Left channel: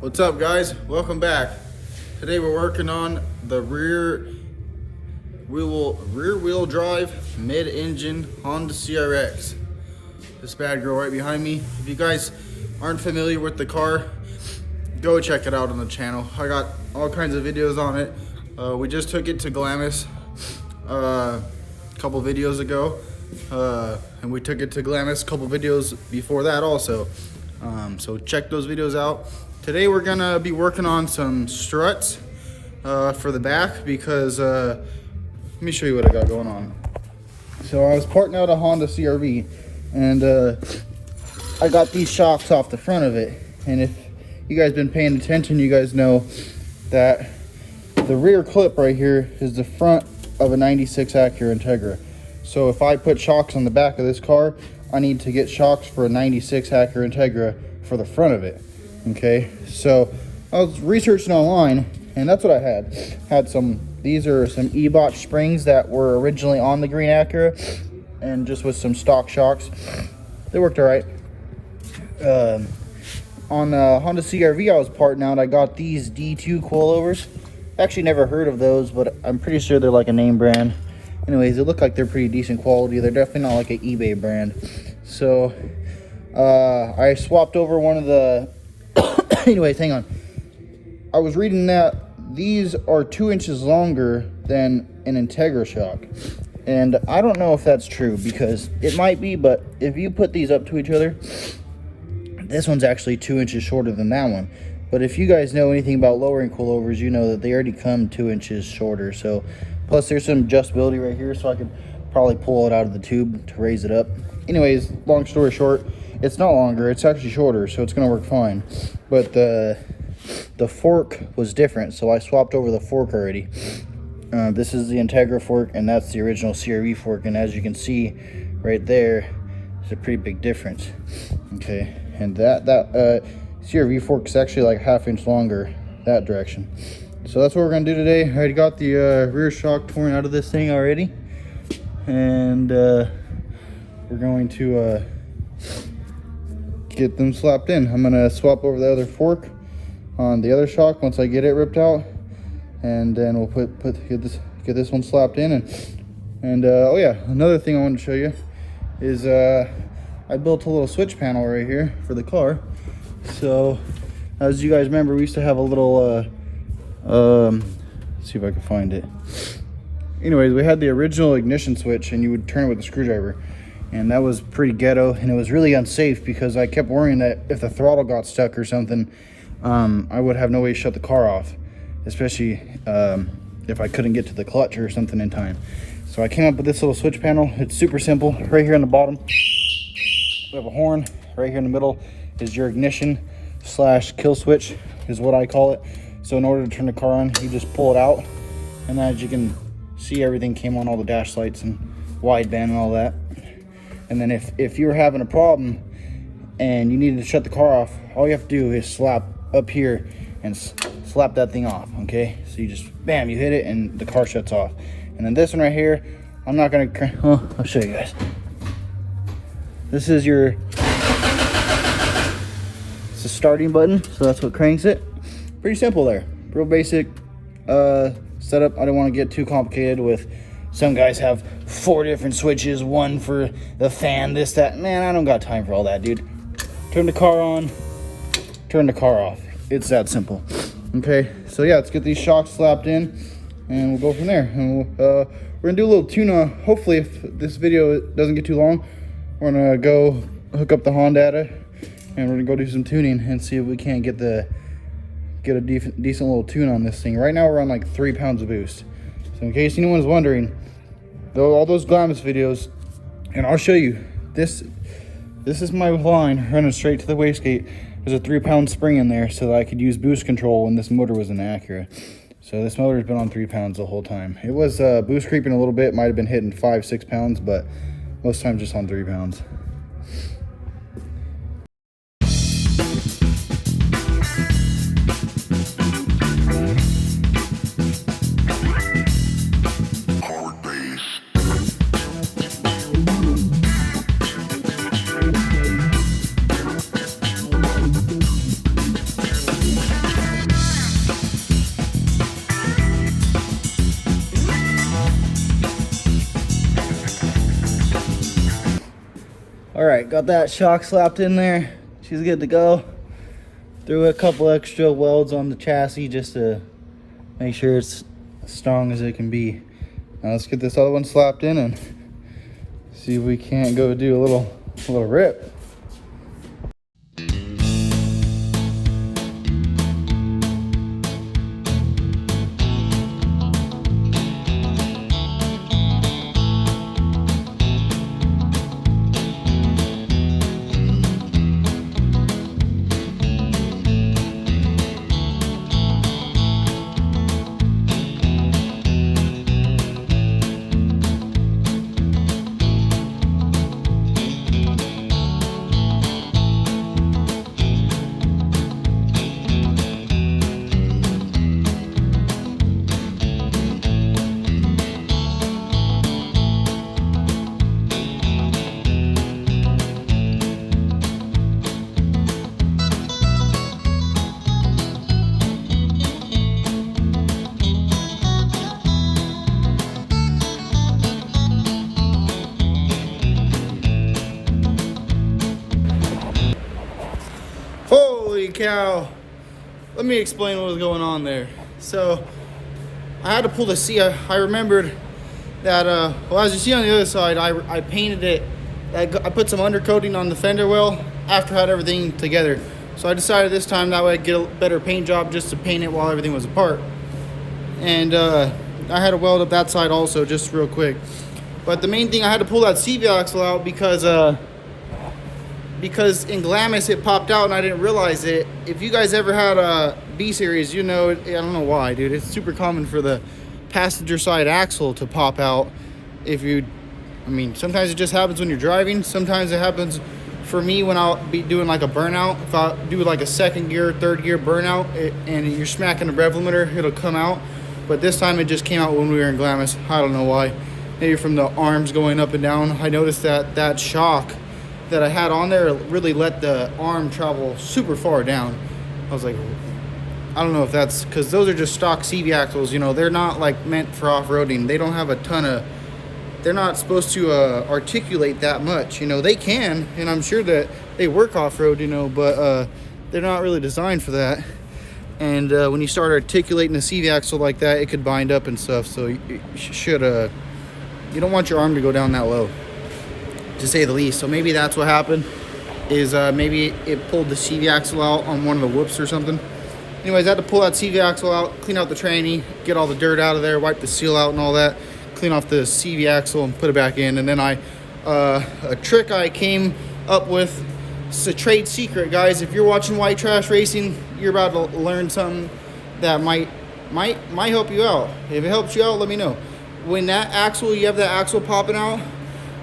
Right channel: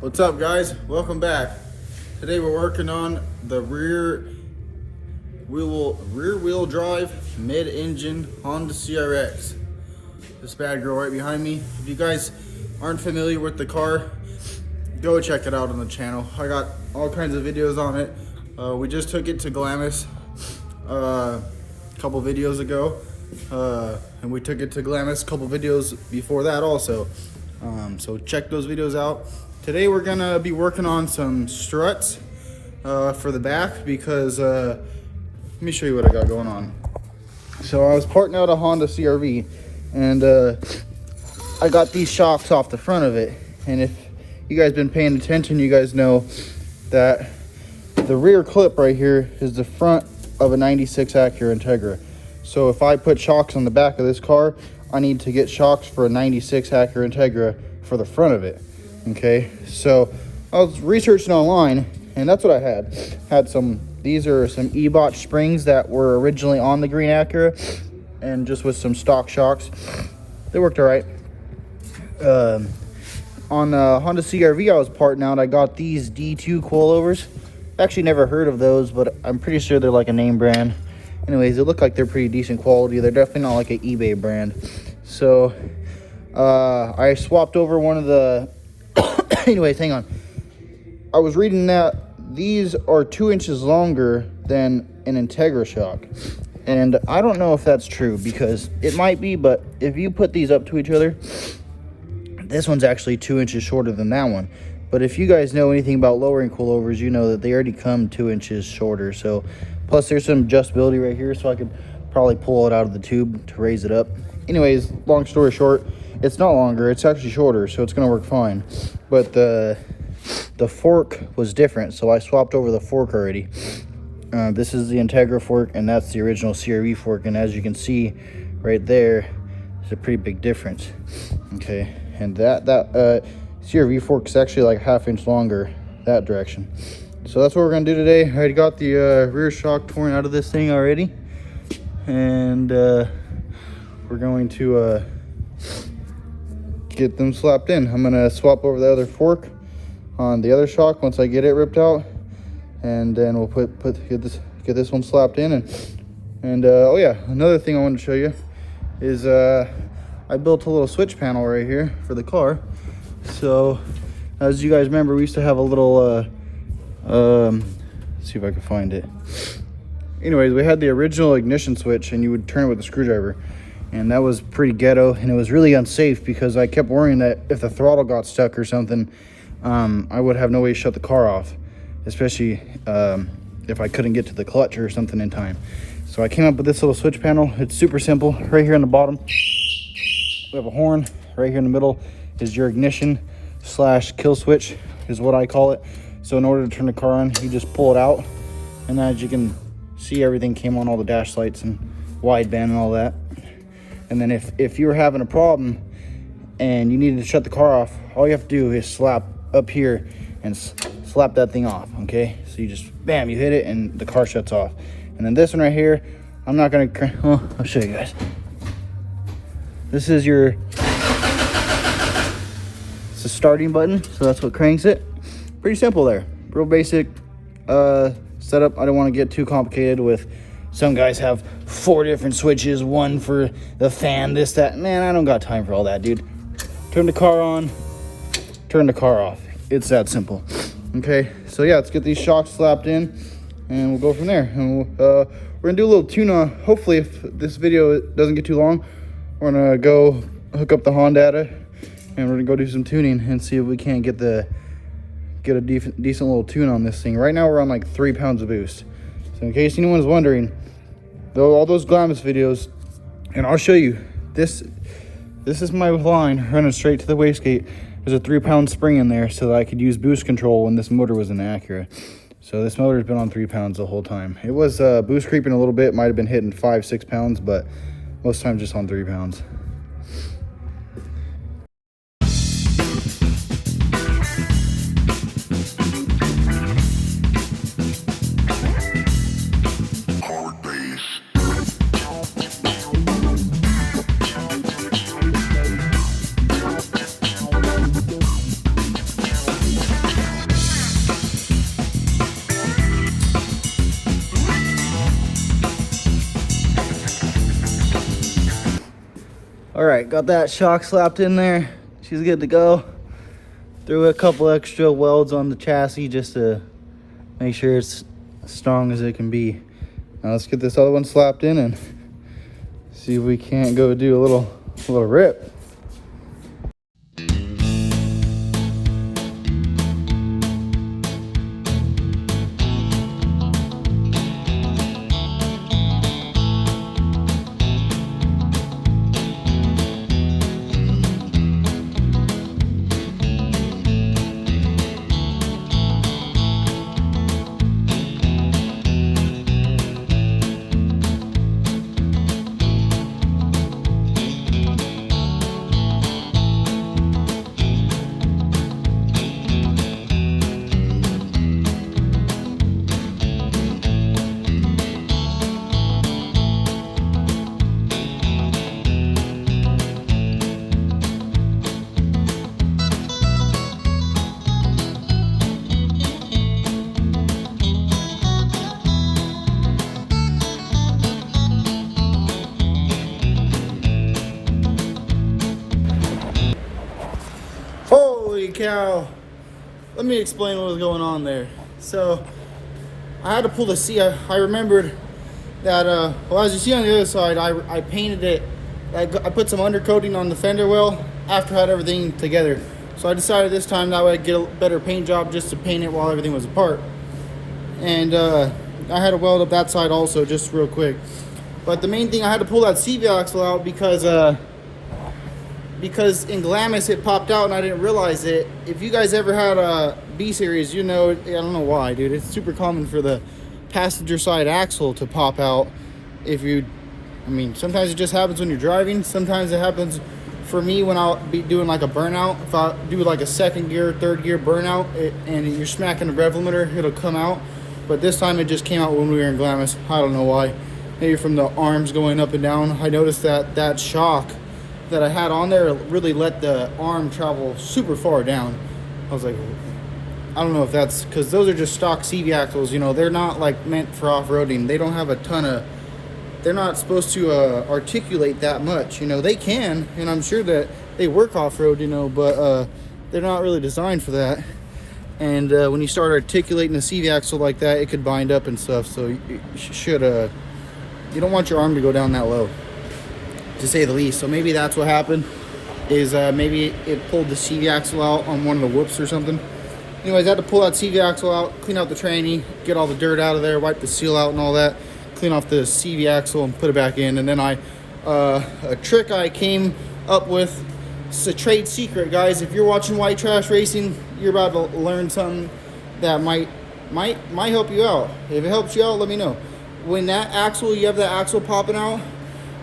What's up, guys? Welcome back. Today we're working on the rear wheel drive mid-engine Honda CRX. This bad girl right behind me. If you guys aren't familiar with the car, go check it out on the channel. I got all kinds of videos on it. We just took it to Glamis a couple videos ago, and we took it to Glamis a couple videos before that also. So check those videos out. Today we're gonna be working on some struts for the back because let me show you what I got going on. So I was parting out a Honda CRV, and I got these shocks off the front of it. And if you guys been paying attention, you guys know that the rear clip right here is the front of a 96 Acura Integra. So if I put shocks on the back of this car, I need to get shocks for a 96 Acura Integra for the front of it. Okay, so I was researching online, and that's what I had some. These are some E-bot springs that were originally on the green Acura, and just with some stock shocks, they worked all right. On Honda CRV I was parting out, I got these D2 coilovers. Actually never heard of those, but I'm pretty sure they're like a name brand. Anyways, they look like they're pretty decent quality. They're definitely not like an eBay brand. So I swapped over one of the anyways, hang on. I was reading that these are 2 inches longer than an Integra shock, and I don't know if that's true, because it might be, but if you put these up to each other, this one's actually 2 inches shorter than that one. But if you guys know anything about lowering coilovers, you know that they already come 2 inches shorter. So plus there's some adjustability right here, so I could probably pull it out of the tube to raise it up. Anyways, long story short, it's not longer, it's actually shorter, so it's gonna work fine. But the fork was different, so I swapped over the fork already. This is the Integra fork, and that's the original CRV fork, and as you can see right there, there's a pretty big difference. Okay, and that CRV fork is actually like ½ inch longer that direction. So that's what we're gonna do today. I already got the rear shock torn out of this thing already, and we're going to get them slapped in. I'm gonna swap over the other fork on the other shock once I get it ripped out, and then we'll get this one slapped in. And oh yeah, another thing I wanted to show you is I built a little switch panel right here for the car. So as you guys remember, we used to have a little let's see if I can find it. Anyways, we had the original ignition switch, and you would turn it with a screwdriver. And that was pretty ghetto, and it was really unsafe because I kept worrying that if the throttle got stuck or something, I would have no way to shut the car off, especially if I couldn't get to the clutch or something in time. So I came up with this little switch panel. It's super simple. Right here on the bottom, we have a horn. Right here in the middle is your ignition / kill switch, is what I call it. So in order to turn the car on, you just pull it out, and as you can see, everything came on, all the dash lights and wideband and all that. And then if you were having a problem and you needed to shut the car off, all you have to do is slap up here and slap that thing off, okay? So you just, bam, you hit it and the car shuts off. And then this one right here, I'm not gonna, well, I'll show you guys. This is your, it's the starting button, so that's what cranks it. Pretty simple there, real basic setup. I don't wanna get too complicated with, some guys have 4 different switches, one for the fan, this, that. Man, I don't got time for all that, dude. Turn the car on, turn the car off. It's that simple. Okay, so yeah, let's get these shocks slapped in, and we'll go from there. And we're gonna do a little tune-on. Hopefully, if this video doesn't get too long, we're gonna go hook up the Honda, and we're gonna go do some tuning and see if we can't get a decent little tune on this thing. Right now, we're on like 3 pounds of boost. So in case anyone's wondering, though, all those Glamis videos, and I'll show you, this is my line running straight to the wastegate. There's a 3 pound spring in there so that I could use boost control when this motor was in Acura. So this motor's been on 3 pounds the whole time. It was boost creeping a little bit, might have been hitting 5-6 pounds, but most times just on 3 pounds. got that shock slapped in there. She's good to go. Threw a couple extra welds on the chassis just to make sure it's as strong as it can be. Now let's get this other one slapped in and see if we can't go do a little rip. Holy cow. Let me explain what was going on there. So I had to pull the seat. I remembered that, well, as you see on the other side, I painted it. I put some undercoating on the fender well after I had everything together. So I decided this time that way I'd get a better paint job just to paint it while everything was apart. And I had to weld up that side also, just real quick. But the main thing, I had to pull that CV axle out because in Glamis it popped out and I didn't realize it. If you guys ever had a B series, you know, I don't know why, dude. It's super common for the passenger side axle to pop out. I mean, sometimes it just happens when you're driving. Sometimes it happens for me when I'll be doing like a burnout. If I do like a second gear, third gear burnout and you're smacking the rev limiter, it'll come out. But this time it just came out when we were in Glamis. I don't know why. Maybe from the arms going up and down. I noticed that shock that I had on there really let the arm travel super far down. I was like, I don't know if that's because those are just stock CV axles, you know, they're not like meant for off-roading. They don't have a ton of, they're not supposed to articulate that much, you know. They can, and I'm sure that they work off-road, you know, but they're not really designed for that. And when you start articulating a CV axle like that, it could bind up and stuff. So you should, you don't want your arm to go down that low, to say the least. So maybe that's what happened, is maybe it pulled the CV axle out on one of the whoops or something. Anyways, I had to pull that CV axle out, clean out the tranny, get all the dirt out of there, wipe the seal out and all that, clean off the CV axle and put it back in. And then a trick I came up with, it's a trade secret, guys. If you're watching White Trash Racing, you're about to learn something that might help you out. If it helps you out, let me know. When that axle, you have that axle popping out,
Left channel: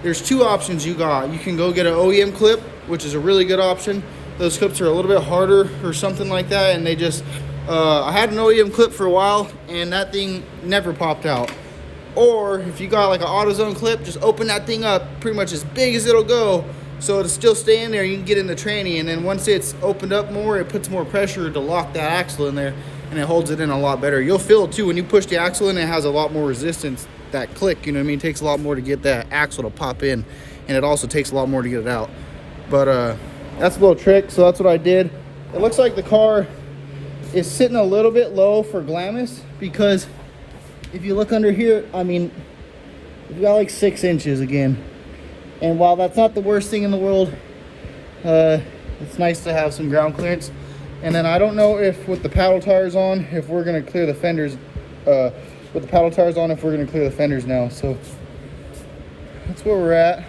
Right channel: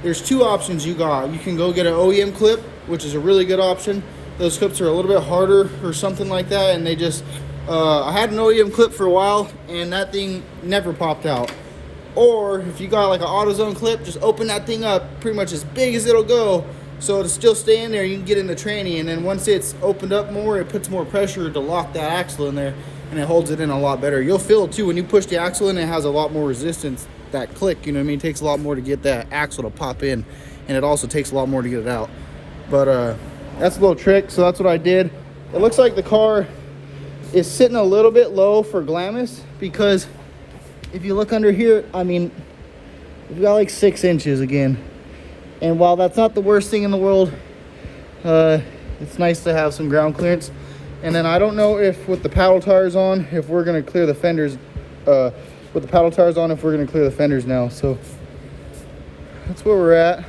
there's two options you got. You can go get an OEM clip, which is a really good option. Those clips are a little bit harder or something like that, and they just, I had an OEM clip for a while, and that thing never popped out. Or if you got like an AutoZone clip, just open that thing up pretty much as big as it'll go, so it'll still stay in there. You can get in the tranny, and then once it's opened up more, it puts more pressure to lock that axle in there, and it holds it in a lot better. You'll feel it too when you push the axle in. It has a lot more resistance. That click, you know what I mean? It takes a lot more to get that axle to pop in, and it also takes a lot more to get it out. But that's a little trick, so that's what I did. It looks like the car is sitting a little bit low for Glamis, because if you look under here, I mean, we've got like 6 inches again. And while that's not the worst thing in the world, it's nice to have some ground clearance. And then I don't know if with the paddle tires on, if we're gonna clear the fenders, with the paddle tires on, if we're gonna clear the fenders now. So that's where we're at.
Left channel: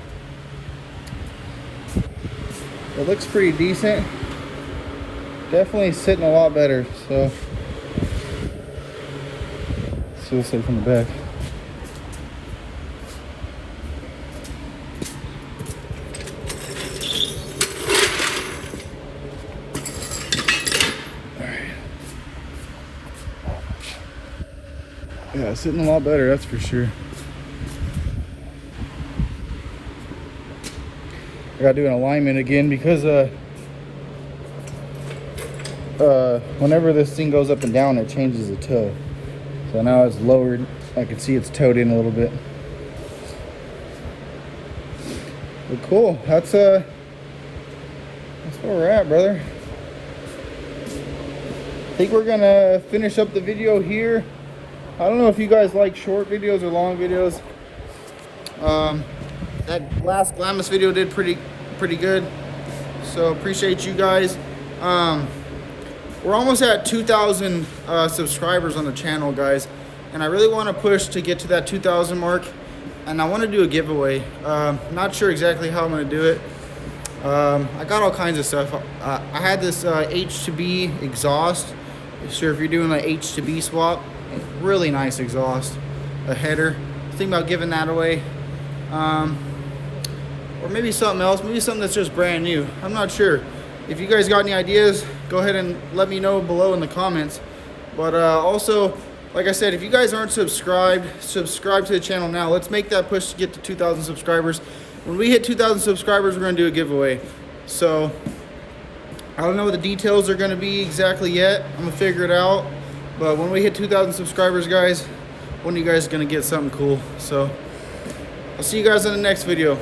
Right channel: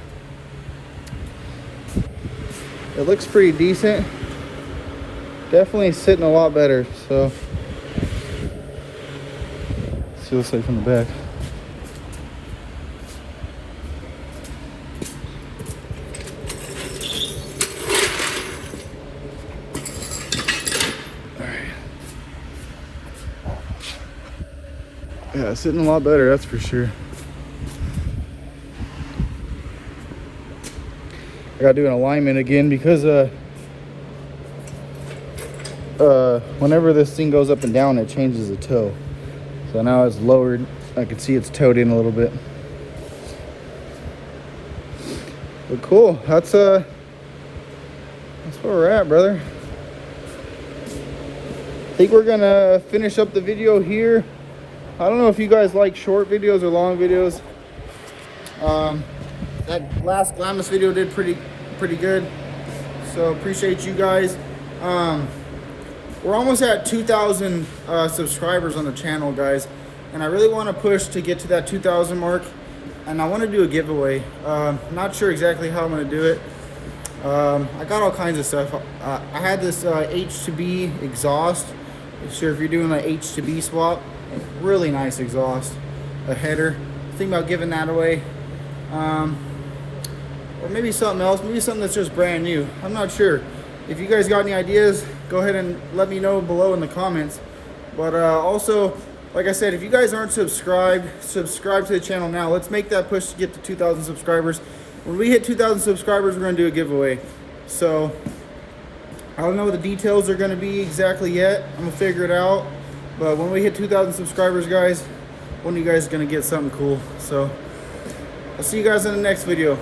It looks pretty decent. Definitely sitting a lot better. So let's see what's like from the back. Yeah, sitting a lot better, that's for sure. I gotta do an alignment again because whenever this thing goes up and down, it changes the toe. So now it's lowered. I can see it's towed in a little bit. But cool, that's that's where we're at, brother. I think we're gonna finish up the video here. I don't know if you guys like short videos or long videos. That last Glamis video did pretty good, so appreciate you guys. We're almost at 2,000 subscribers on the channel, guys, and I really want to push to get to that 2,000 mark, and I want to do a giveaway. Not sure exactly how I'm going to do it. I got all kinds of stuff. I had this H2B exhaust. Sure, if you're doing an H2B swap, really nice exhaust, a header. Think about giving that away, or maybe something else, maybe something that's just brand new. I'm not sure. If you guys got any ideas, go ahead and let me know below in the comments. But also, like I said, if you guys aren't subscribed, subscribe to the channel now. Let's make that push to get to 2,000 subscribers. When we hit 2,000 subscribers, we're gonna do a giveaway. So I don't know what the details are gonna be exactly yet. I'm gonna figure it out. But when we hit 2,000 subscribers, guys, one of you guys is gonna get something cool. So I'll see you guys in the next video.